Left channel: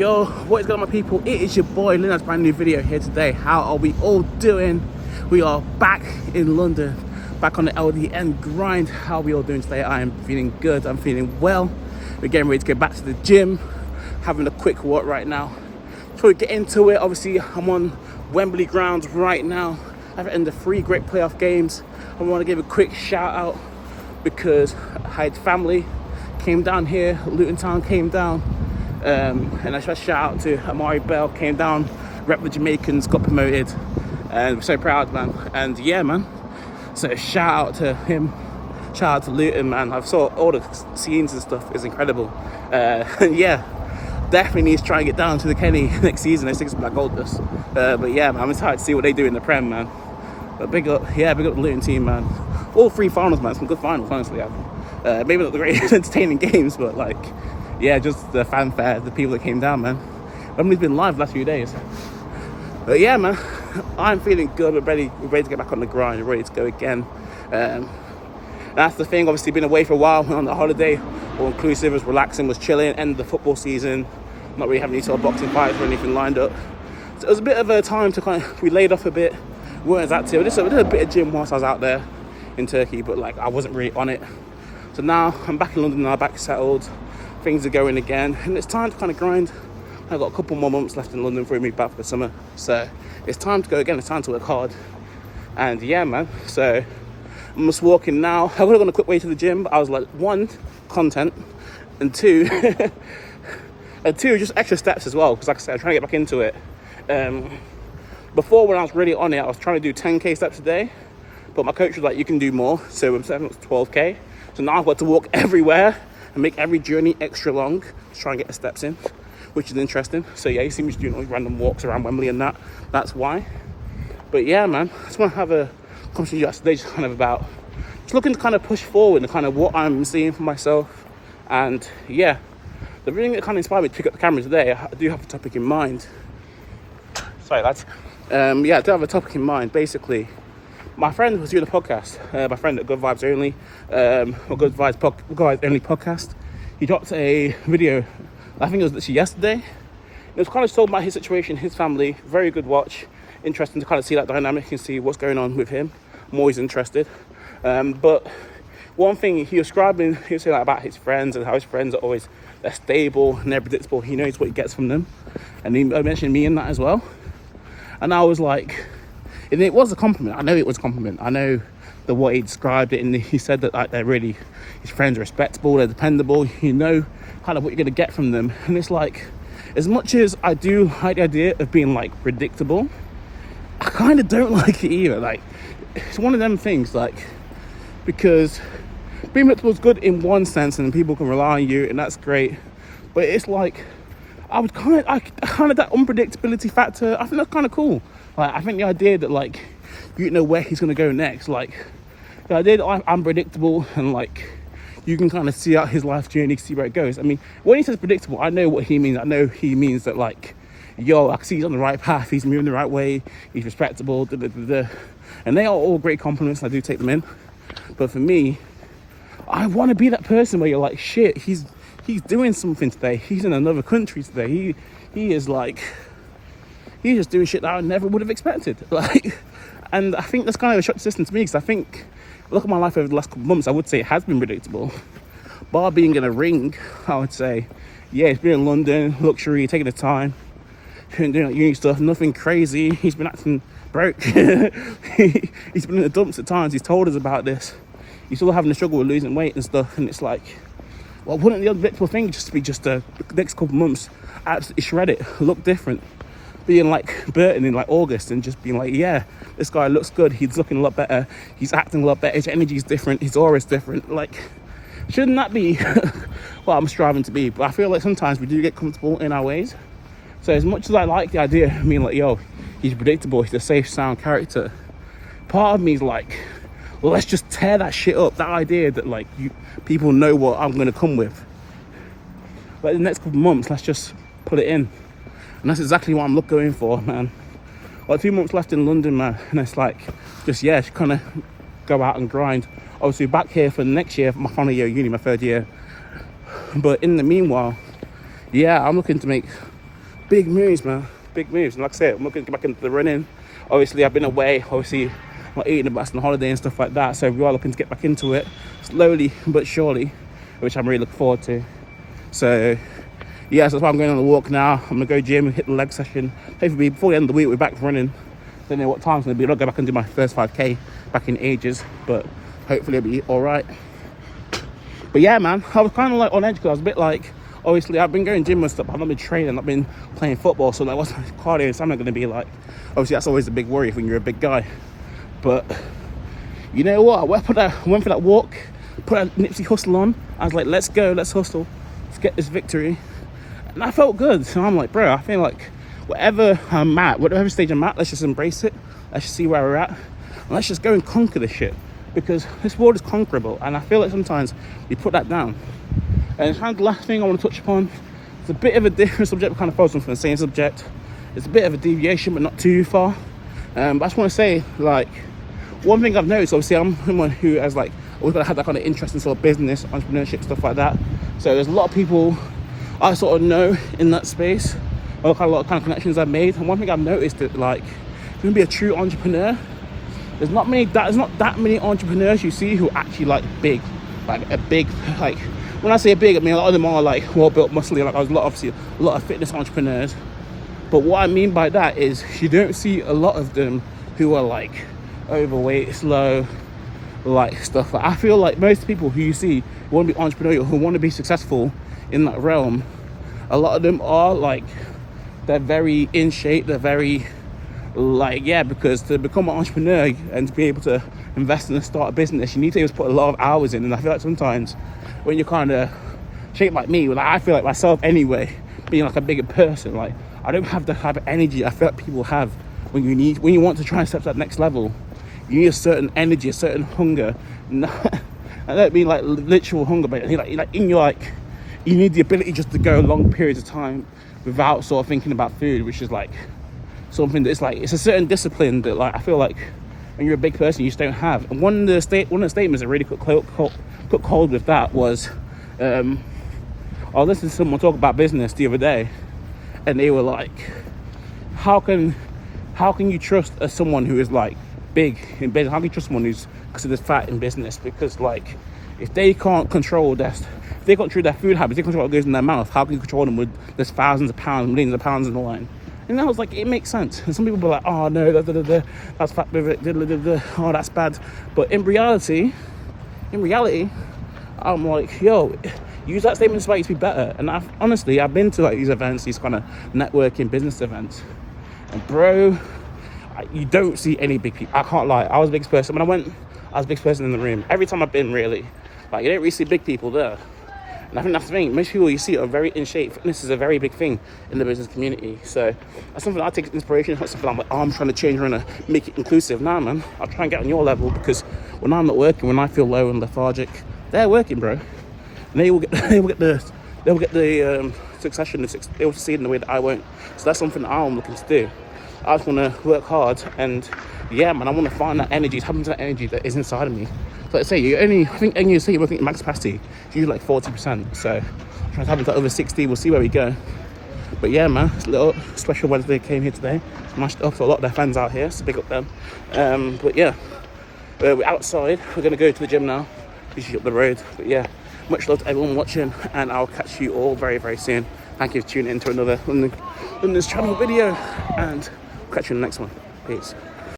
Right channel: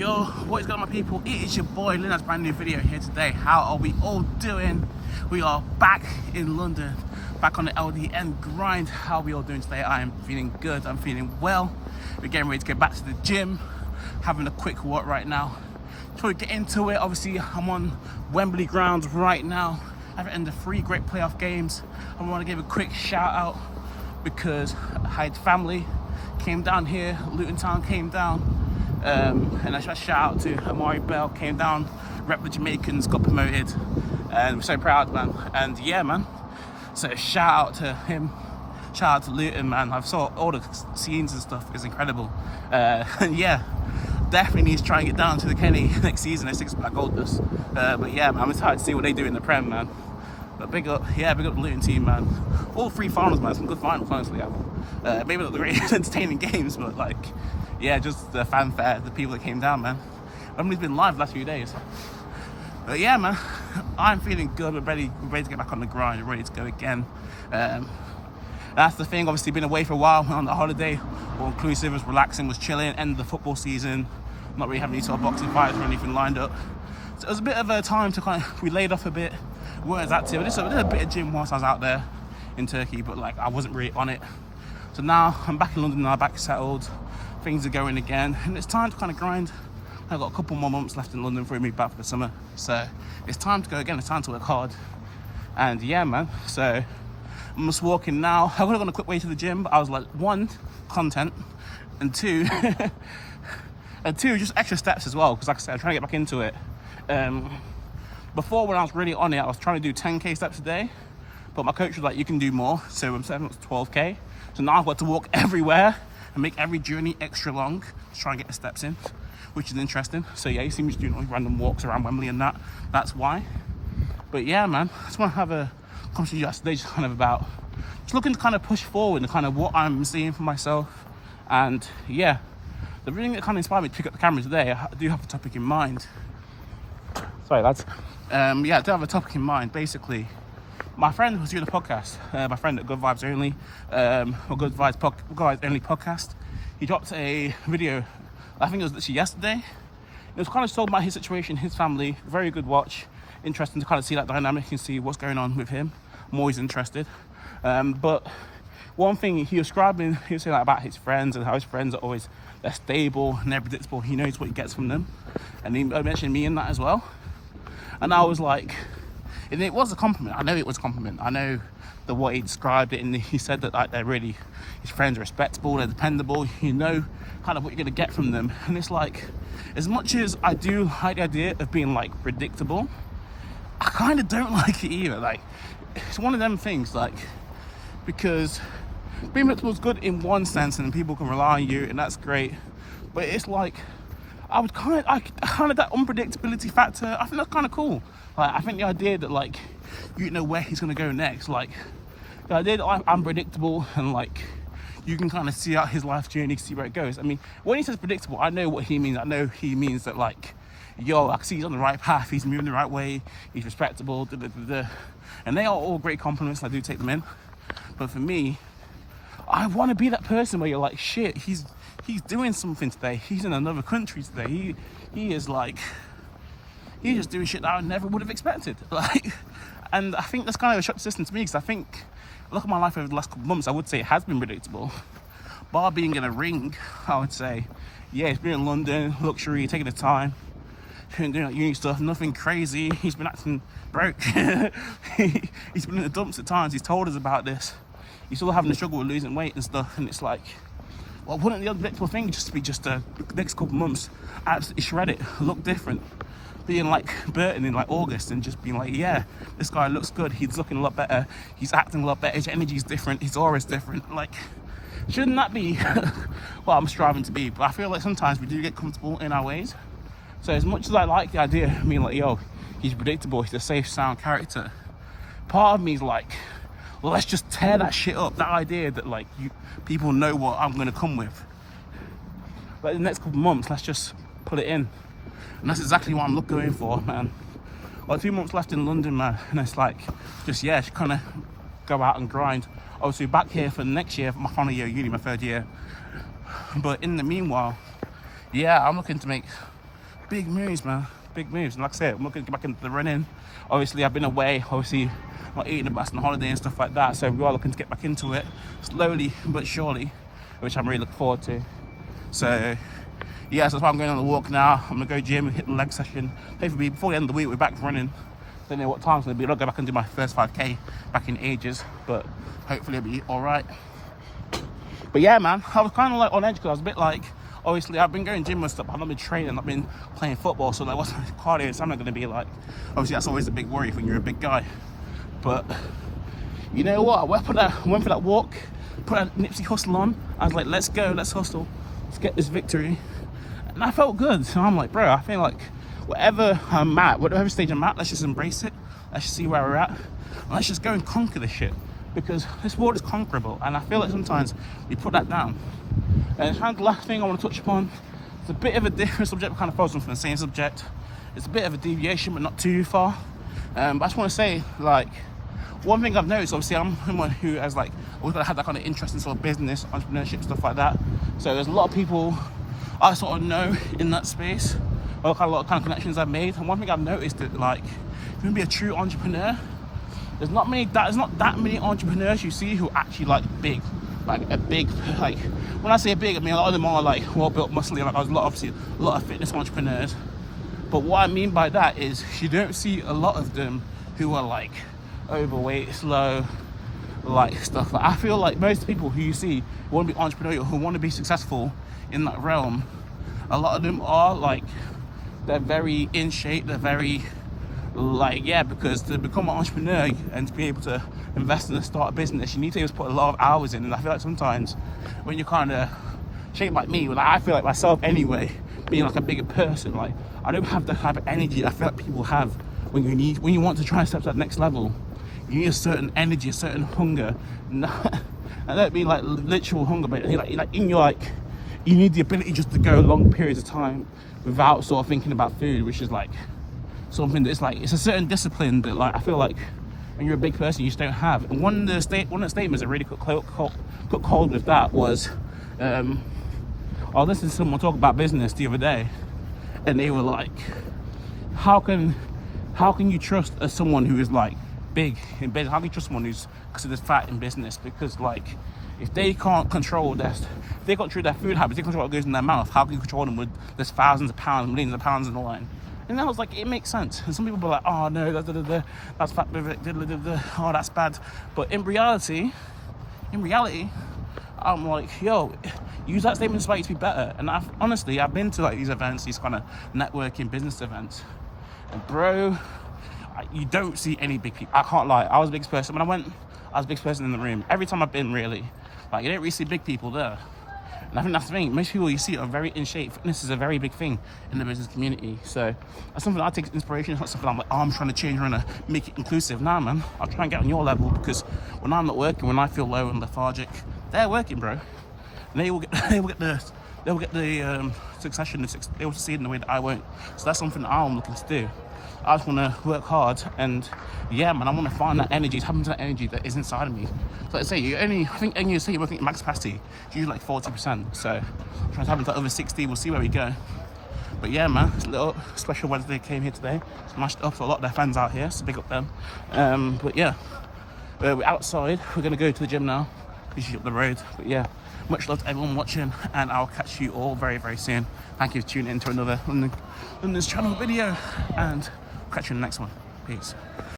Yo, what is going on, my people? It is your boy Linus, brand new video here today. How are we all doing? We are back in London, back on the LDN grind. How are we all doing today? I am feeling good, I'm feeling well. We're getting ready to get back to the gym, having a quick walk right now. Before we get into it, obviously I'm on Wembley grounds right now. After ending 3 great playoff games, I want to give a quick shout out because Hyde's family came down here, Luton Town came down. And a special shout out to Amari Bell, came down, rep the Jamaicans, got promoted, and we're so proud, man. And yeah, man, so shout out to him, shout out to Luton, man. I've saw all the scenes and stuff, is incredible. And yeah, definitely needs to try and get down to the Kenny next season. They think Black Gold dust. But yeah, man, I'm excited to see what they do in the Prem, man. But big up the Luton team, man. All 3 finals, man, some good finals, honestly. Maybe not the greatest entertaining games, but like, yeah, just the fanfare, the people that came down, man. Wembley's been live the last few days. But yeah, man, I'm feeling good. We're ready to get back on the grind. We're ready to go again. That's the thing, obviously been away for a while, went on the holiday, all inclusive, was relaxing, was chilling, end of the football season, not really having any sort of boxing fights or anything lined up. So it was a bit of a time to we laid off a bit, weren't as active. I did a bit of gym whilst I was out there in Turkey, but like I wasn't really on it. So now I'm back in London now, back settled. Things are going again, and it's time to kind of grind. I've got a couple more months left in London before we move back for the summer, so it's time to go again. It's time to work hard, and yeah, man. So I'm just walking now. I would have gone a quick way to the gym, but I was like, 1, content, and 2, just extra steps as well. Because like I said, I'm trying to get back into it. Before, when I was really on it, I was trying to do 10k steps a day, but my coach was like, you can do more. So I'm setting up to 12k. So now I've got to walk everywhere and make every journey extra long to try and get the steps in, which is interesting. So yeah, you see me just doing all these random walks around Wembley and that's why. But yeah, man, I just want to have a conversation today just kind of about just looking to kind of push forward and kind of what I'm seeing for myself. And yeah, the thing that kind of inspired me to pick up the camera today, I do have a topic in mind. Sorry, lads. Yeah, I do have a topic in mind. Basically, my friend was doing a podcast, my friend at Good Vibes Only, or Good Vibes Only podcast. He dropped a video, I think it was literally yesterday. It was kind of told about his situation, his family. Very good watch. Interesting to kind of see that dynamic and see what's going on with him. I'm always interested. But one thing he was saying like about his friends and how his friends are always, they're stable and they're predictable. He knows what he gets from them. And he mentioned me in that as well. And I was like, and it was a compliment. I know it was a compliment. I know the way he described it, and he said that like they're really, his friends are respectable, they're dependable. You know, kind of what you're gonna get from them. And it's like, as much as I do like the idea of being like predictable, I kind of don't like it either. Like, it's one of them things, like, because being predictable is good in one sense, and people can rely on you, and that's great. But it's like, I kind of that unpredictability factor, I think that's kind of cool. Like, I think the idea that like you know where he's gonna go next, like the idea that I'm predictable and like you can kind of see out his life journey, see where it goes. I mean, when he says predictable, I know what he means. I know he means that like, yo, I can see he's on the right path, he's moving the right way, he's respectable, and they are all great compliments, and I do take them in. But for me, I want to be that person where you're like, shit, he's doing something today, he's in another country today, he is like, he's just doing shit that I never would have expected. Like, and I think that's kind of a shock to the system to me, because I think, look at my life over the last couple of months, I would say it has been predictable. Bar being in a ring, I would say, yeah, he's been in London, luxury, taking the time, doing like uni stuff, nothing crazy. He's been acting broke. He's been in the dumps at times. He's told us about this. He's still having to struggle with losing weight and stuff. And it's like, well, wouldn't the unpredictable thing just be the next couple of months absolutely shred it, look different? Being like Burton in like August and just being like, yeah, this guy looks good, he's looking a lot better, he's acting a lot better, his energy's different, his aura's different. Like, shouldn't that be what I'm striving to be? But I feel like sometimes we do get comfortable in our ways. So as much as I like the idea of being like, yo, he's predictable, he's a safe, sound character, part of me is like, well, let's just tear that shit up. That idea that like people know what I'm gonna come with. But in the next couple of months, let's just put it in. And that's exactly what I'm going for, man. Like 2 months left in London, man. And it's like, just kind of go out and grind. Obviously back here for the next year, for my final year of uni, my 3rd year. But in the meanwhile, yeah, I'm looking to make big moves, man. Big moves. And like I said, I'm looking to get back into the running. Obviously, I've been away. Obviously, not eating the best on holiday and stuff like that. So we are looking to get back into it slowly but surely, which I'm really looking forward to. So yeah, so that's why I'm going on a walk now. I'm gonna go gym and hit the leg session. Hopefully before the end of the week we're back running. Don't know what time it's gonna be. I'll go back and do my first 5k back in ages, but hopefully it'll be all right. But yeah, man, I was kind of like on edge because I was a bit like, obviously I've been going gym and stuff, but I've not been training, I've been playing football, so like what's my cardio and stamina gonna be like? Obviously that's always a big worry when you're a big guy. But you know what, I went for that walk, put that Nipsey Hussle on. I was like, let's go, let's hustle, let's get this victory. And I felt good, so I'm like, bro, I feel like whatever I'm at, whatever stage I'm at, let's just embrace it. Let's just see where we're at. And let's just go and conquer this shit. Because this world is conquerable, and I feel like sometimes we put that down. And kind of the last thing I want to touch upon, it's a bit of a different subject, kind of focus on the same subject. It's a bit of a deviation, but not too far. But I just want to say, like, one thing I've noticed, obviously I'm someone who has like always had that kind of interest in sort of business, entrepreneurship, stuff like that. So there's a lot of people I sort of know in that space, or kind of a lot of kind of connections I've made. And one thing I've noticed that, like, if you want to be a true entrepreneur, there's not that many entrepreneurs you see who are actually like big, like a big, like, when I say big, I mean a lot of them are like well built, muscly, like there's a lot of fitness entrepreneurs. But what I mean by that is you don't see a lot of them who are like overweight, slow, like stuff. Like, I feel like most people who you see who want to be entrepreneurial, who want to be successful in that realm, a lot of them are like, they're very in shape, they're very like, yeah, because to become an entrepreneur and to be able to invest in and start a business, you need to be able to put a lot of hours in. And I feel like sometimes when you're kind of shaped like me, like I feel like myself anyway, being like a bigger person, like I don't have the type of energy I feel like people have when you want to try and step to that next level. You need a certain energy, a certain hunger. I don't mean like literal hunger, but like in your, like, you need the ability just to go long periods of time without sort of thinking about food, which is like something that's like, it's a certain discipline that, like, I feel like when you're a big person you just don't have. And one of the statements that really took hold with that was, I was listening to someone talk about business the other day, and they were like, how can you trust someone who is like big in business? How can you trust someone who's considered fat in business? Because like, if they can't control their food habits, they control what goes in their mouth, how can you control them with there's thousands of pounds, millions of pounds in the line? And I was like, it makes sense. And some people were like, oh no, that's fat, oh that's bad. But in reality, I'm like, yo, use that statement to inspire you to be better. And I've been to like these events, these kind of networking business events, and bro, you don't see any big people. I can't lie, I was the biggest person. When I went, I was the biggest person in the room. Every time I've been, really, like, you don't really see big people there. And I think that's the thing, most people you see are very in shape. Fitness is a very big thing in the business community. So that's something I take inspiration. It's not something I'm like, oh, I'm trying to change, I'm trying to make it inclusive. Nah, man, I'll try and get on your level, because when I'm not working, when I feel low and lethargic, they're working, bro. And they will get the succession, they will succeed in the way that I won't. So that's something that I'm looking to do. I just want to work hard, and yeah, man, I want to find that energy, tap into that energy that is inside of me. So like I say, you're working at max capacity, you're like 40%. So I'm trying to tap into over 60, we'll see where we go. But yeah, man, it's a little special weather they came here today. Smashed up for a lot of their fans out here, so big up them. But yeah, we're outside, we're going to go to the gym now, usually up the road. But yeah, much love to everyone watching, and I'll catch you all very, very soon. Thank you for tuning in to another London's Channel video, and catch you in the next one. Peace.